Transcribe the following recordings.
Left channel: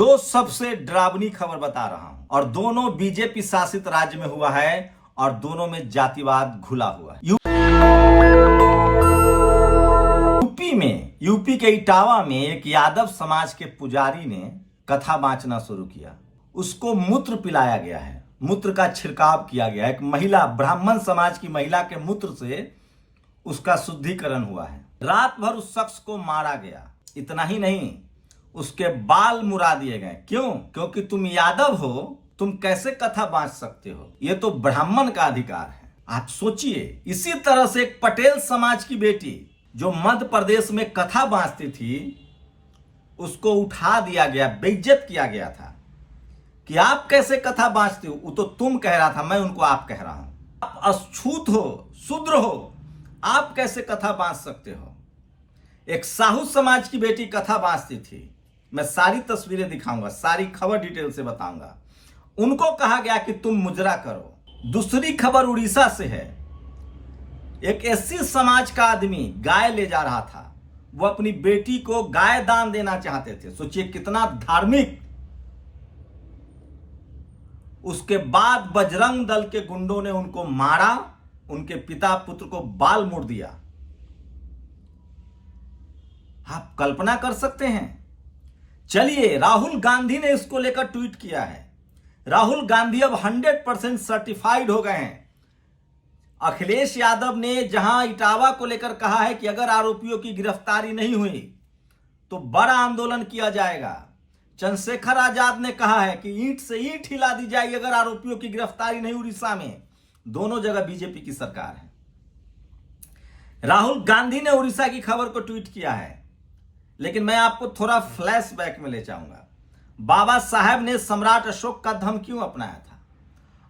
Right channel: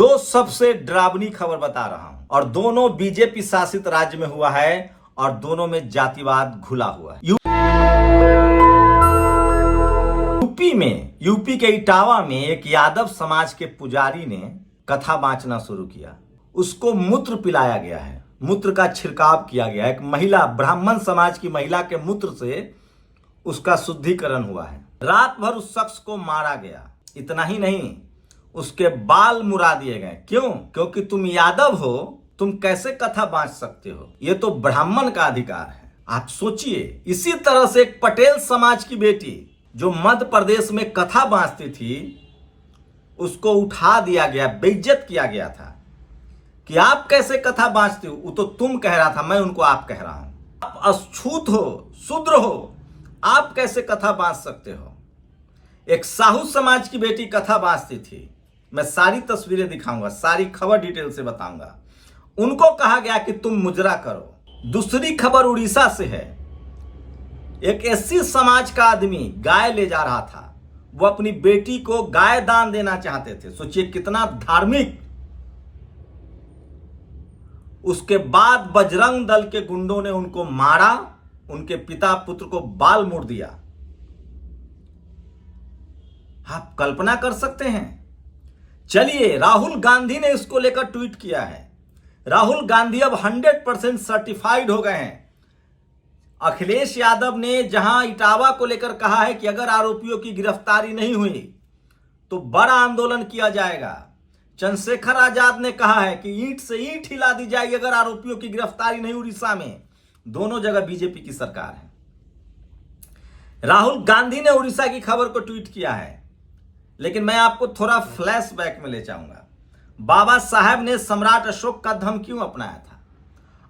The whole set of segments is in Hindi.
दो सबसे डरावनी खबर बता रहा हूं और दोनों बीजेपी शासित राज्य में हुआ है और दोनों में जातिवाद घुला हुआ है। यूपी के इटावा में एक यादव समाज के पुजारी ने कथा बांचना शुरू किया। उसको मूत्र पिलाया गया है, मूत्र का छिड़काव किया गया है। एक महिला, ब्राह्मण समाज की महिला के मूत्र से उसका शुद्धिकरण हुआ है। रात भर उस शख्स को मारा गया। इतना ही नहीं, उसके बाल मुड़ा दिए गए। क्यों? क्योंकि तुम यादव हो, तुम कैसे कथा बांच सकते हो? ये तो ब्राह्मण का अधिकार है। आप सोचिए, इसी तरह से एक पटेल समाज की बेटी जो मध्य प्रदेश में कथा बांचती थी, उसको उठा दिया गया, बेइज्जत किया गया था कि आप कैसे कथा बांचते हो। वो तो तुम कह रहा था, मैं उनको आप कह रहा हूं। आप अछूत हो, शूद्र हो, आप कैसे कथा बांच सकते हो? एक साहू समाज की बेटी कथा बांचती थी। मैं सारी तस्वीरें दिखाऊंगा, सारी खबर डिटेल से बताऊंगा। उनको कहा गया कि तुम मुजरा करो। दूसरी खबर उड़ीसा से है। एक एससी समाज का आदमी गाय ले जा रहा था। वो अपनी बेटी को गाय दान देना चाहते थे। सोचिए कितना धार्मिक। उसके बाद बजरंग दल के गुंडों ने उनको मारा, उनके पिता पुत्र को बाल मुड़ दिया। आप कल्पना कर सकते हैं? चलिए, राहुल गांधी ने इसको लेकर ट्वीट किया है। राहुल गांधी अब 100% सर्टिफाइड हो गए हैं। अखिलेश यादव ने जहां इटावा को लेकर कहा है कि अगर आरोपियों की गिरफ्तारी नहीं हुई तो बड़ा आंदोलन किया जाएगा। चंद्रशेखर आजाद ने कहा है कि ईंट से ईंट हिला दी जाएगी अगर आरोपियों की गिरफ्तारी नहीं। उड़ीसा में दोनों जगह बीजेपी की सरकार है। राहुल गांधी ने उड़ीसा की खबर को ट्वीट किया है। लेकिन मैं आपको थोड़ा फ्लैशबैक में ले जाऊंगा। बाबा साहब ने सम्राट अशोक का धर्म क्यों अपनाया था?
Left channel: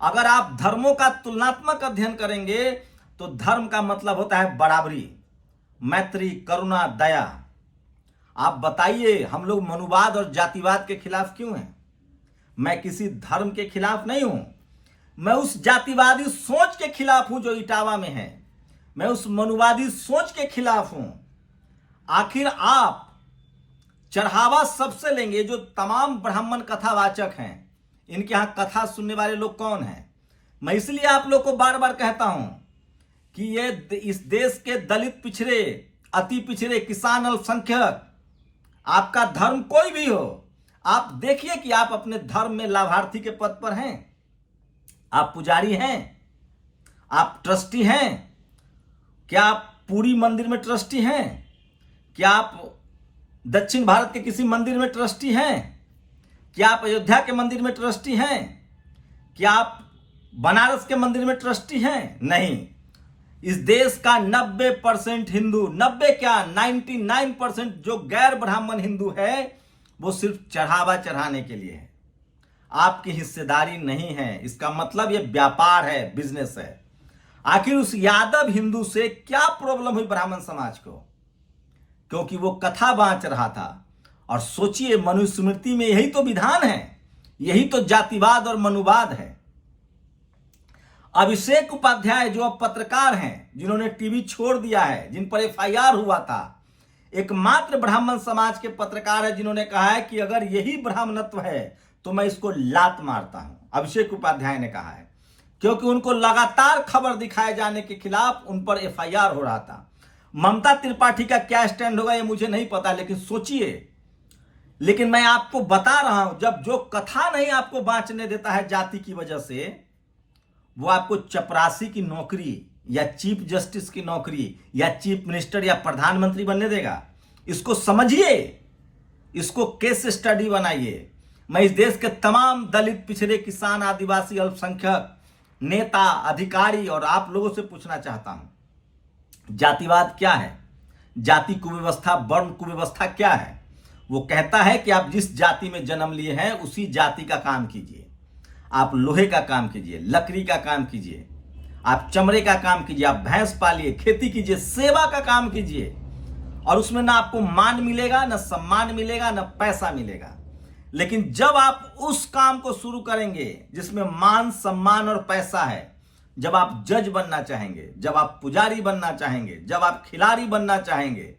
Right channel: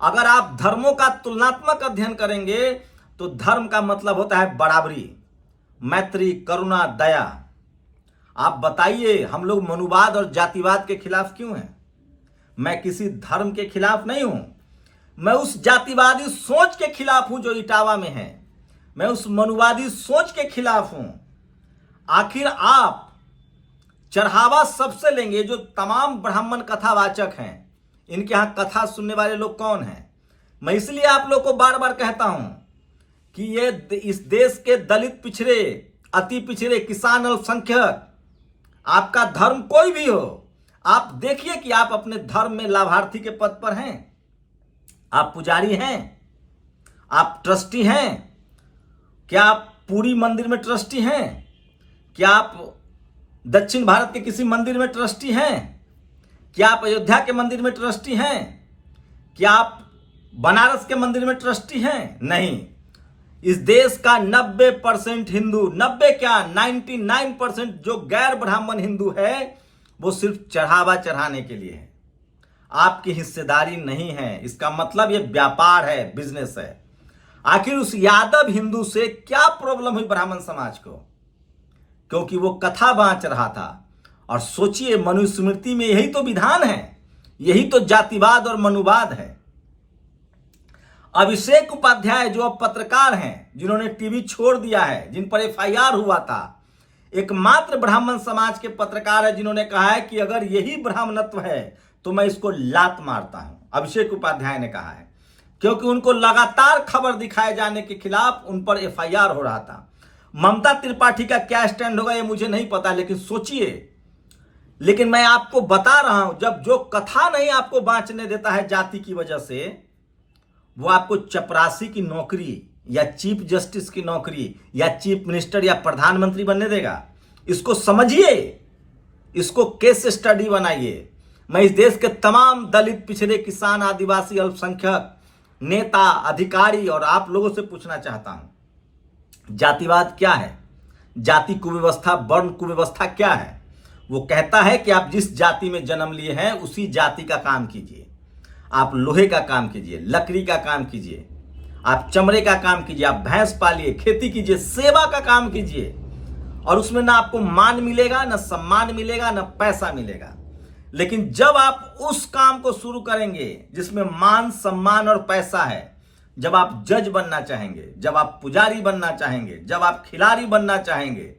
अगर आप धर्मों का तुलनात्मक अध्ययन करेंगे तो धर्म का मतलब होता है बराबरी, मैत्री, करुणा, दया। आप बताइए, हम लोग मनुवाद और जातिवाद के खिलाफ क्यों हैं? मैं किसी धर्म के खिलाफ नहीं हूं। मैं उस जातिवादी सोच के खिलाफ हूं जो इटावा में है। मैं उस मनुवादी सोच के खिलाफ हूं। आखिर आप चढ़ावा सबसे लेंगे जो तमाम ब्राह्मण कथावाचक हैं। इनके यहां कथा सुनने वाले लोग कौन हैं? मैं इसलिए आप लोग को बार बार कहता हूं कि ये इस देश के दलित पिछड़े, अति पिछड़े, किसान, अल्पसंख्यक, आपका धर्म कोई भी हो, आप देखिए कि आप अपने धर्म में लाभार्थी के पद पर हैं। आप पुजारी हैं? आप ट्रस्टी हैं? क्या आप पूरी मंदिर में ट्रस्टी हैं? क्या आप दक्षिण भारत के किसी मंदिर में ट्रस्टी हैं? क्या आप अयोध्या के मंदिर में ट्रस्टी हैं? क्या आप बनारस के मंदिर में ट्रस्टी हैं? नहीं। इस देश का 90% हिंदू, 90 क्या 99% जो गैर ब्राह्मण हिंदू है, वो सिर्फ चढ़ावा चढ़ाने के लिए है। आपकी हिस्सेदारी नहीं है। इसका मतलब ये व्यापार है, बिजनेस है। आखिर उस यादव हिंदू से क्या प्रॉब्लम हुई ब्राह्मण समाज को? क्योंकि वो कथा बांच रहा था। और सोचिए, मनुस्मृति में यही तो विधान है, यही तो जातिवाद और मनुवाद है। अभिषेक उपाध्याय जो अब पत्रकार हैं, जिन्होंने टीवी छोड़ दिया है, जिन पर एफआईआर हुआ था, एकमात्र ब्राह्मण समाज के पत्रकार है जिन्होंने कहा है कि अगर यही ब्राह्मणत्व है तो मैं इसको लात मारता हूं। अभिषेक उपाध्याय ने कहा है, क्योंकि उनको लगातार खबर दिखाए जाने के खिलाफ उन पर एफआईआर हो रहा था। ममता त्रिपाठी का क्या स्टैंड होगा ये मुझे नहीं पता, लेकिन सोचिए। लेकिन मैं आपको बता रहा हूं, जब जो कथा नहीं आपको बांचने देता है जाति की वजह से, वो आपको चपरासी की नौकरी या चीफ जस्टिस की नौकरी या चीफ मिनिस्टर या प्रधानमंत्री बनने देगा। इसको समझिए, इसको केस स्टडी बनाइए। मैं इस देश के तमाम दलित, पिछड़े, किसान, आदिवासी, अल्पसंख्यक, नेता, अधिकारी और आप लोगों से पूछना चाहता हूं, जातिवाद क्या है? जाति कुव्यवस्था, वर्ण कुव्यवस्था क्या है? वो कहता है कि आप जिस जाति में जन्म लिए हैं उसी जाति का काम कीजिए। आप लोहे का काम कीजिए, लकड़ी का काम कीजिए, आप चमड़े का काम कीजिए, आप भैंस पालिए, खेती कीजिए, सेवा का काम कीजिए। और उसमें ना आपको मान मिलेगा, ना सम्मान मिलेगा, ना पैसा मिलेगा। लेकिन जब आप उस काम को शुरू करेंगे जिसमें मान, सम्मान और पैसा है, जब आप जज बनना चाहेंगे, जब आप पुजारी बनना चाहेंगे, जब आप खिलाड़ी बनना चाहेंगे,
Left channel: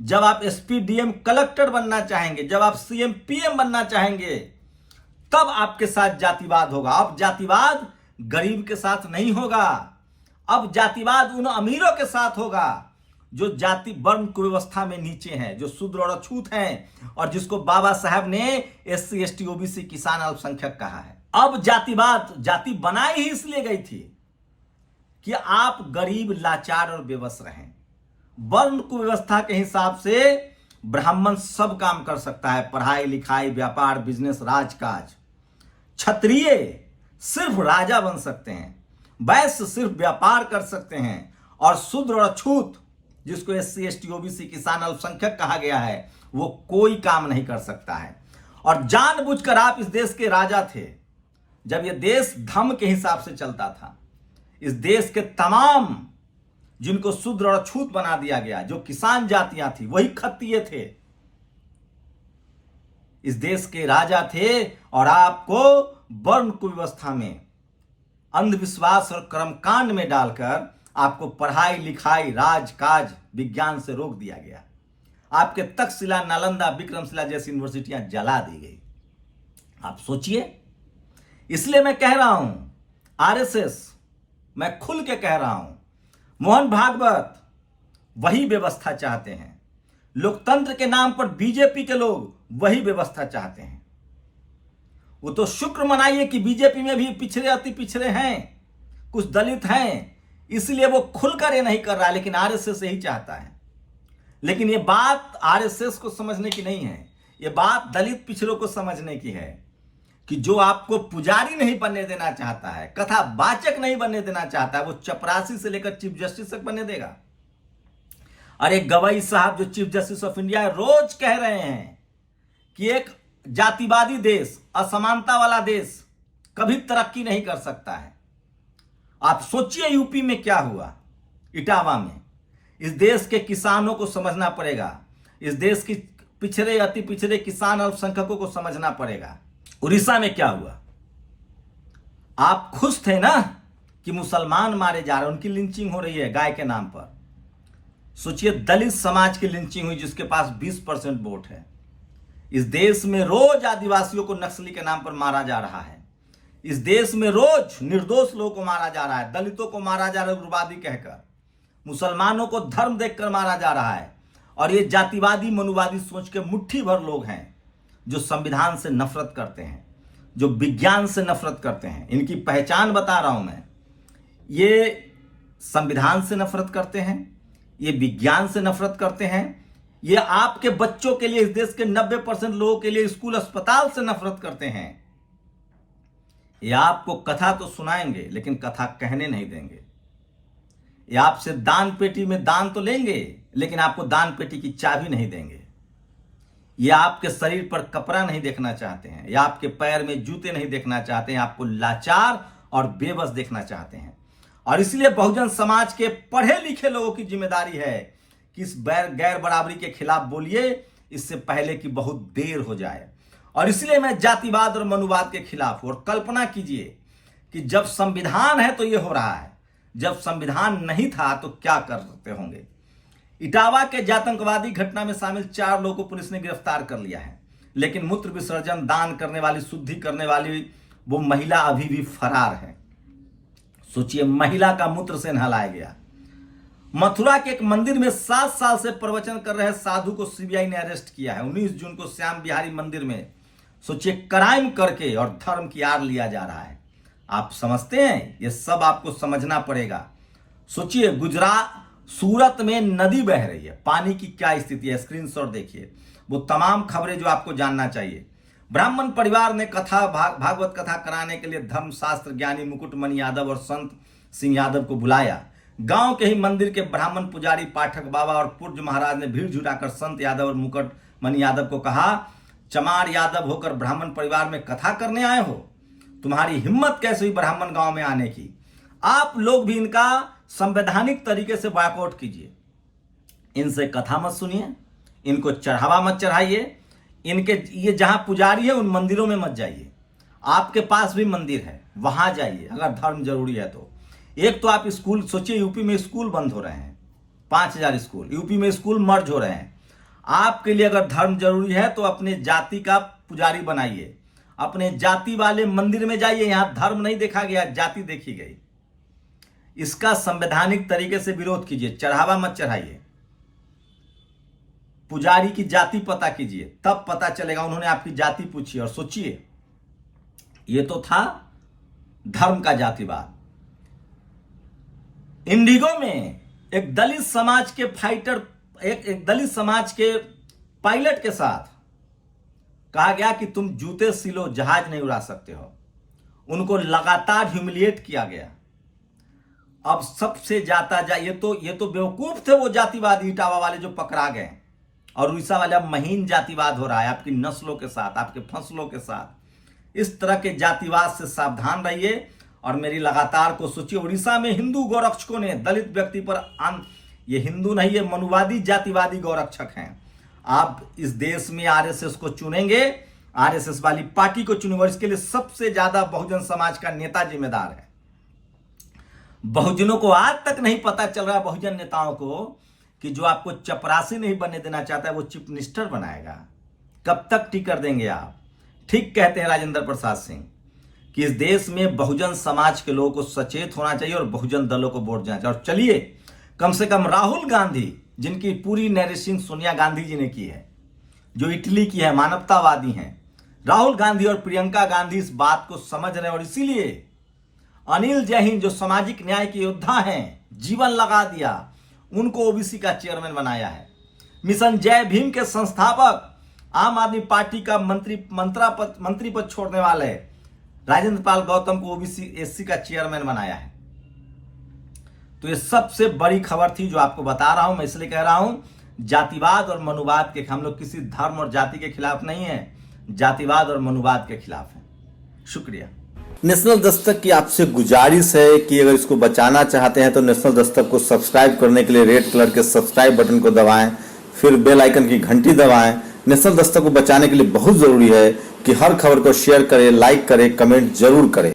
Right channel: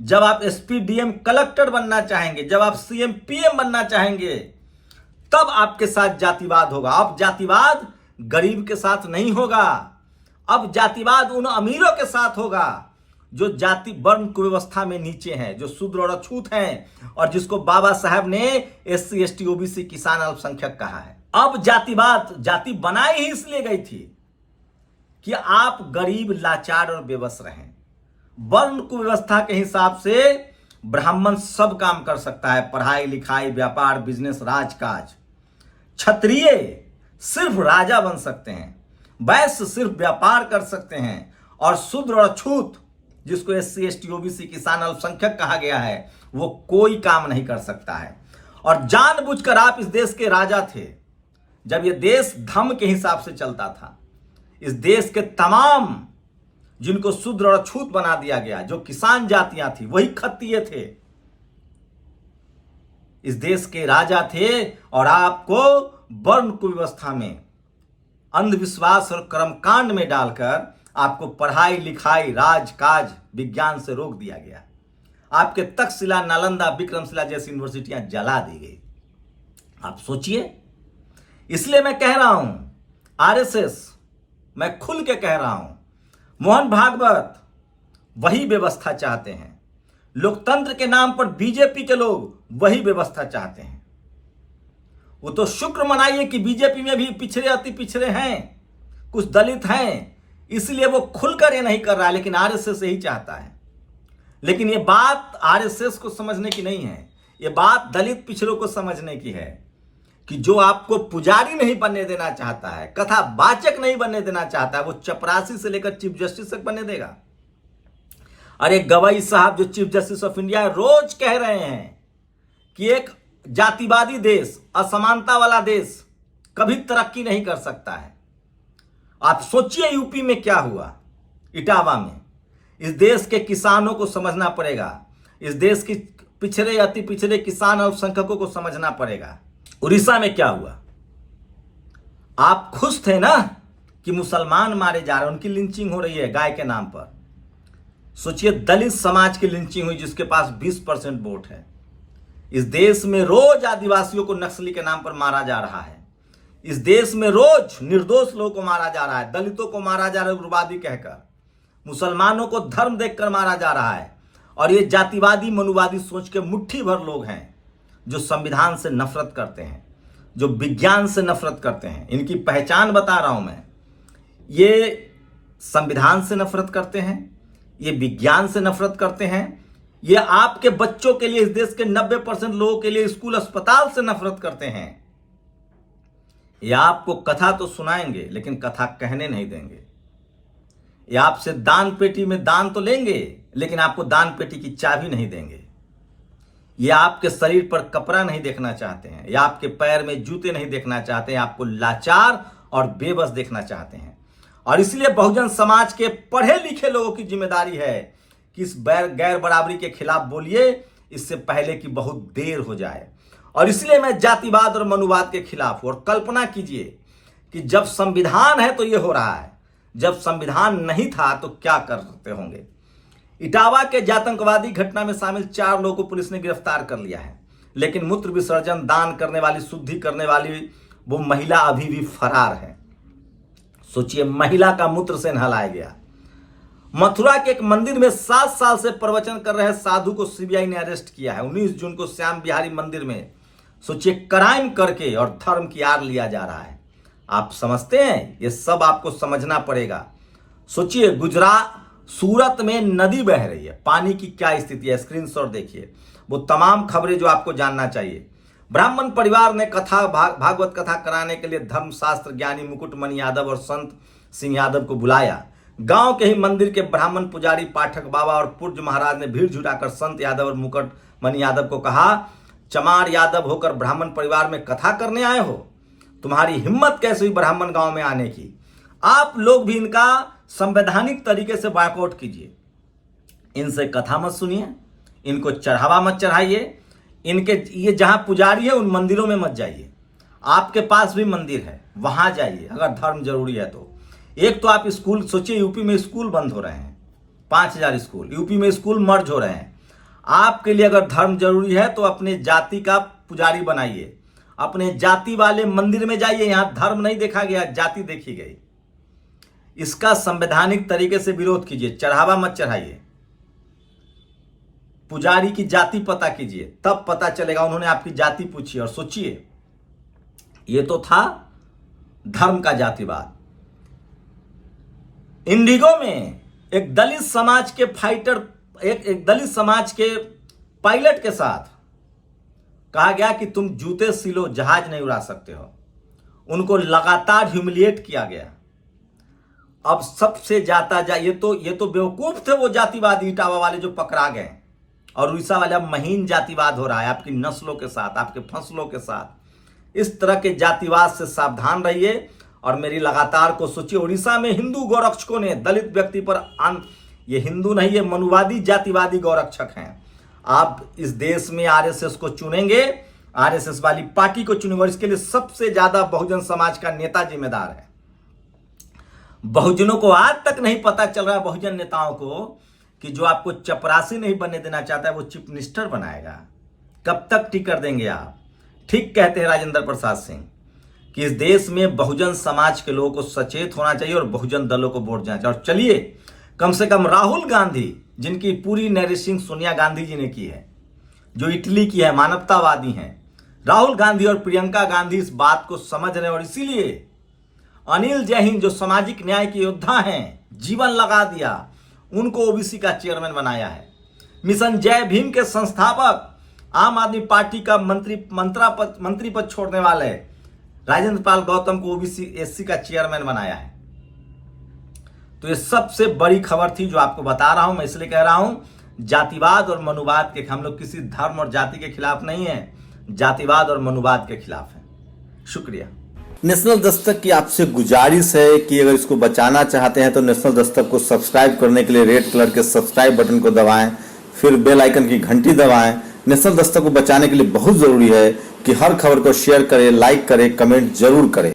जब आप एसपी डीएम कलेक्टर बनना चाहेंगे, जब आप सीएम पीएम बनना चाहेंगे, तब आपके साथ जातिवाद होगा। अब जातिवाद गरीब के साथ नहीं होगा, अब जातिवाद उन अमीरों के साथ होगा जो जाति वर्ण कुव्यवस्था में नीचे हैं, जो शूद्र और अछूत हैं, और जिसको बाबा साहब ने एससी एसटी ओबीसी किसान अल्पसंख्यक कहा है। अब जातिवाद, जाति बनाई ही इसलिए गई थी कि आप गरीब, लाचार और बेबस रहें। वर्ण कुव्यवस्था के हिसाब से ब्राह्मण सब काम कर सकता है, पढ़ाई लिखाई, व्यापार, बिजनेस, राजकाज। क्षत्रिय सिर्फ राजा बन सकते हैं, वैश्य सिर्फ व्यापार कर सकते हैं, और शूद्र और अछूत, जिसको एससी एसटी ओबीसी किसान अल्पसंख्यक कहा गया है, वो कोई काम नहीं कर सकता है। और जानबूझकर आप इस देश के राजा थे जब ये देश धर्म के हिसाब से चलता था। इस देश के तमाम जिनको शूद्र और अछूत बना दिया गया, जो किसान जातियां थी, वही क्षत्रिय थे, इस देश के राजा थे। और आपको वर्ण कुव्यवस्था में, अंधविश्वास और कर्मकांड में डालकर आपको पढ़ाई लिखाई, राजकाज, विज्ञान से रोक दिया गया। आपके तक्षशिला, नालंदा, विक्रमशिला जैसी यूनिवर्सिटियां जला दी गई। आप सोचिए। इसलिए मैं कह रहा हूं, आरएसएस, मैं खुल के कह रहा हूं, मोहन भागवत वही व्यवस्था चाहते हैं। लोकतंत्र के नाम पर बीजेपी के लोग वही व्यवस्था चाहते हैं। वो तो शुक्र मनाइए कि बीजेपी में भी पिछड़े, अति पिछड़े हैं, कुछ दलित हैं, इसलिए वो खुलकर ये नहीं कर रहा है, लेकिन आरएसएस यही चाहता है। लेकिन ये बात आरएसएस को समझने की नहीं है, ये बात दलित पिछड़ों को समझने की है कि जो आपको पुजारी नहीं बनने देना चाहता है, कथा वाचक नहीं बनने देना चाहता है, वो चपरासी से लेकर चीफ जस्टिस तक बनने देगा। अरे गवई साहब जो चीफ जस्टिस ऑफ इंडिया है, रोज कह रहे हैं कि एक जातिवादी देश, असमानता वाला देश कभी तरक्की नहीं कर सकता है। आप सोचिए यूपी में क्या हुआ, इटावा में। इस देश के किसानों को समझना पड़ेगा, इस देश की पिछड़े, अति पिछड़े किसान अल्पसंख्यकों को समझना पड़ेगा। उड़ीसा में क्या हुआ? आप खुश थे ना कि मुसलमान मारे जा रहे हैं, उनकी लिंचिंग हो रही है गाय के नाम पर। सोचिए दलित समाज की लिंचिंग हुई जिसके पास 20% वोट है। इस देश में रोज आदिवासियों को नक्सली के नाम पर मारा जा रहा है। इस देश में रोज निर्दोष लोगों को मारा जा रहा है, दलितों को मारा जा रहा है उग्रवादी कहकर, मुसलमानों को धर्म देखकर मारा जा रहा है। और ये जातिवादी मनुवादी सोच के मुट्ठी भर लोग हैं जो संविधान से नफरत करते हैं, जो विज्ञान से नफरत करते हैं। इनकी पहचान बता रहा हूं मैं। ये संविधान से नफरत करते हैं, ये विज्ञान से नफरत करते हैं, ये आपके बच्चों के लिए, इस देश के 90% लोगों के लिए स्कूल अस्पताल से नफरत करते हैं। ये आपको कथा तो सुनाएंगे लेकिन कथा कहने नहीं देंगे। ये आपसे दान पेटी में दान तो लेंगे लेकिन आपको दान पेटी की चाबी नहीं देंगे। ये आपके शरीर पर कपड़ा नहीं देखना चाहते हैं, या आपके पैर में जूते नहीं देखना चाहते हैं, आपको लाचार और बेबस देखना चाहते हैं। और इसलिए बहुजन समाज के पढ़े लिखे लोगों की जिम्मेदारी है कि इस गैर बराबरी के खिलाफ बोलिए, इससे पहले कि बहुत देर हो जाए। और इसलिए मैं जातिवाद और मनुवाद के खिलाफ हूं। और कल्पना कीजिए कि जब संविधान है तो ये हो रहा है, जब संविधान नहीं था तो क्या करते होंगे। इटावा के जातंकवादी घटना में शामिल 4 लोगों को पुलिस ने गिरफ्तार कर लिया है, लेकिन मूत्र विसर्जन, दान करने वाली, शुद्धि करने वाली वो महिला अभी भी फरार है। सोचिए, महिला का मूत्र से नहलाया गया। मथुरा के एक मंदिर में 7 साल से प्रवचन कर रहे साधु को सीबीआई ने अरेस्ट किया है। 19 जून को श्याम बिहारी मंदिर में, सोचिए, क्राइम करके और धर्म की आड़ लिया जा रहा है। आप समझते हैं? ये सब आपको समझना पड़ेगा। सोचिए, गुजरात, सूरत में नदी बह रही है, पानी की क्या स्थिति है, स्क्रीनशॉट देखिए। वो तमाम खबरें जो आपको जानना चाहिए। ब्राह्मण परिवार ने भागवत कथा कराने के लिए धर्मशास्त्र ज्ञानी मुकुटमणि यादव और संत सिंह यादव को बुलाया। गांव के ही मंदिर के ब्राह्मण पुजारी पाठक बाबा और पूज्य महाराज ने भीड़ जुटाकर संत यादव और मुकुटमणि यादव को कहा, चमार यादव होकर ब्राह्मण परिवार में कथा करने आए हो? तुम्हारी हिम्मत कैसे हुई ब्राह्मण गांव में आने की? आप लोग भी इनका संवैधानिक तरीके से बॉयकॉट कीजिए। इनसे कथा मत सुनिए, इनको चढ़ावा मत चढ़ाइए, इनके ये जहां पुजारी है उन मंदिरों में मत जाइए। आपके पास भी मंदिर है, वहां जाइए अगर धर्म जरूरी है तो। एक तो आप स्कूल, सोचिए यूपी में स्कूल बंद हो रहे हैं, 5000 स्कूल, यूपी में स्कूल मर्ज हो रहे हैं। आपके लिए अगर धर्म जरूरी है तो अपने जाति का पुजारी बनाइए, अपने जाति वाले मंदिर में जाइए। यहां धर्म नहीं देखा गया, जाति देखी गई। इसका संवैधानिक तरीके से विरोध कीजिए, चढ़ावा मत चढ़ाइए। पुजारी की जाति पता कीजिए, तब पता चलेगा। उन्होंने आपकी जाति पूछी और सोचिए, ये तो था धर्म का जातिवाद। इंडिगो में एक दलित समाज के फाइटर, एक दलित समाज के पायलट के साथ कहा गया कि तुम जूते सिलो, जहाज नहीं उड़ा सकते हो। उनको लगातार ह्यूमिलिएट किया गया। अब सबसे ये तो बेवकूफ थे वो जातिवादी इटावा वाले जो पकड़ा गए, और उड़ीसा वाले अब महीन जातिवाद हो रहा है आपकी नस्लों के साथ, आपके फसलों के साथ। इस तरह के जातिवाद से सावधान रहिए और मेरी लगातार को सोचिए। उड़ीसा में हिंदू गौरक्षकों ने दलित व्यक्ति पर ये हिंदू नहीं, ये मनुवादी जातिवादी गौरक्षक हैं। आप इस देश में आरएसएस को चुनेंगे, आरएसएस वाली पार्टी को चुनेंगे, और इसके लिए सबसे ज्यादा बहुजन समाज का नेता जिम्मेदार है। बहुजनों को आज तक नहीं पता चल रहा, बहुजन नेताओं को, कि जो आपको चपरासी नहीं बनने देना चाहता है वो चीफ मिनिस्टर बनाएगा। कब तक टिकर देंगे आप? ठीक कहते हैं राजेंद्र प्रसाद सिंह कि इस देश में बहुजन समाज के लोगों को सचेत होना चाहिए और बहुजन दलों को वोट देना चाहिए। और चलिए, कम से कम राहुल गांधी, जिनकी पूरी नरेशिंग सोनिया गांधी जी ने की है, जो इटली की है, मानवतावादी हैं, राहुल गांधी और प्रियंका गांधी इस बात को समझ रहे हैं। और इसीलिए अनिल जैन जो सामाजिक न्याय के योद्धा हैं, जीवन लगा दिया, उनको ओबीसी का चेयरमैन बनाया है। मिशन जय भीम के संस्थापक, आम आदमी पार्टी का मंत्री पद छोड़ने वाले राजेंद्र पाल गौतम को ओबीसी एससी का चेयरमैन बनाया है। तो ये सबसे बड़ी खबर थी जो आपको बता रहा हूं। मैं इसलिए कह रहा हूं, जातिवाद और मनुवाद के, हम लोग किसी धर्म और जाति के खिलाफ नहीं है, जातिवाद और मनुवाद के खिलाफ है। शुक्रिया। नेशनल दस्तक की आपसे गुजारिश है कि अगर इसको बचाना चाहते हैं तो नेशनल दस्तक को सब्सक्राइब करने के लिए रेड कलर के सब्सक्राइब बटन को दबाएं, फिर बेल आइकन की घंटी दबाएं। नेशनल दस्तक को बचाने के लिए बहुत जरूरी है कि हर खबर को शेयर करें, लाइक करें, कमेंट जरूर करें।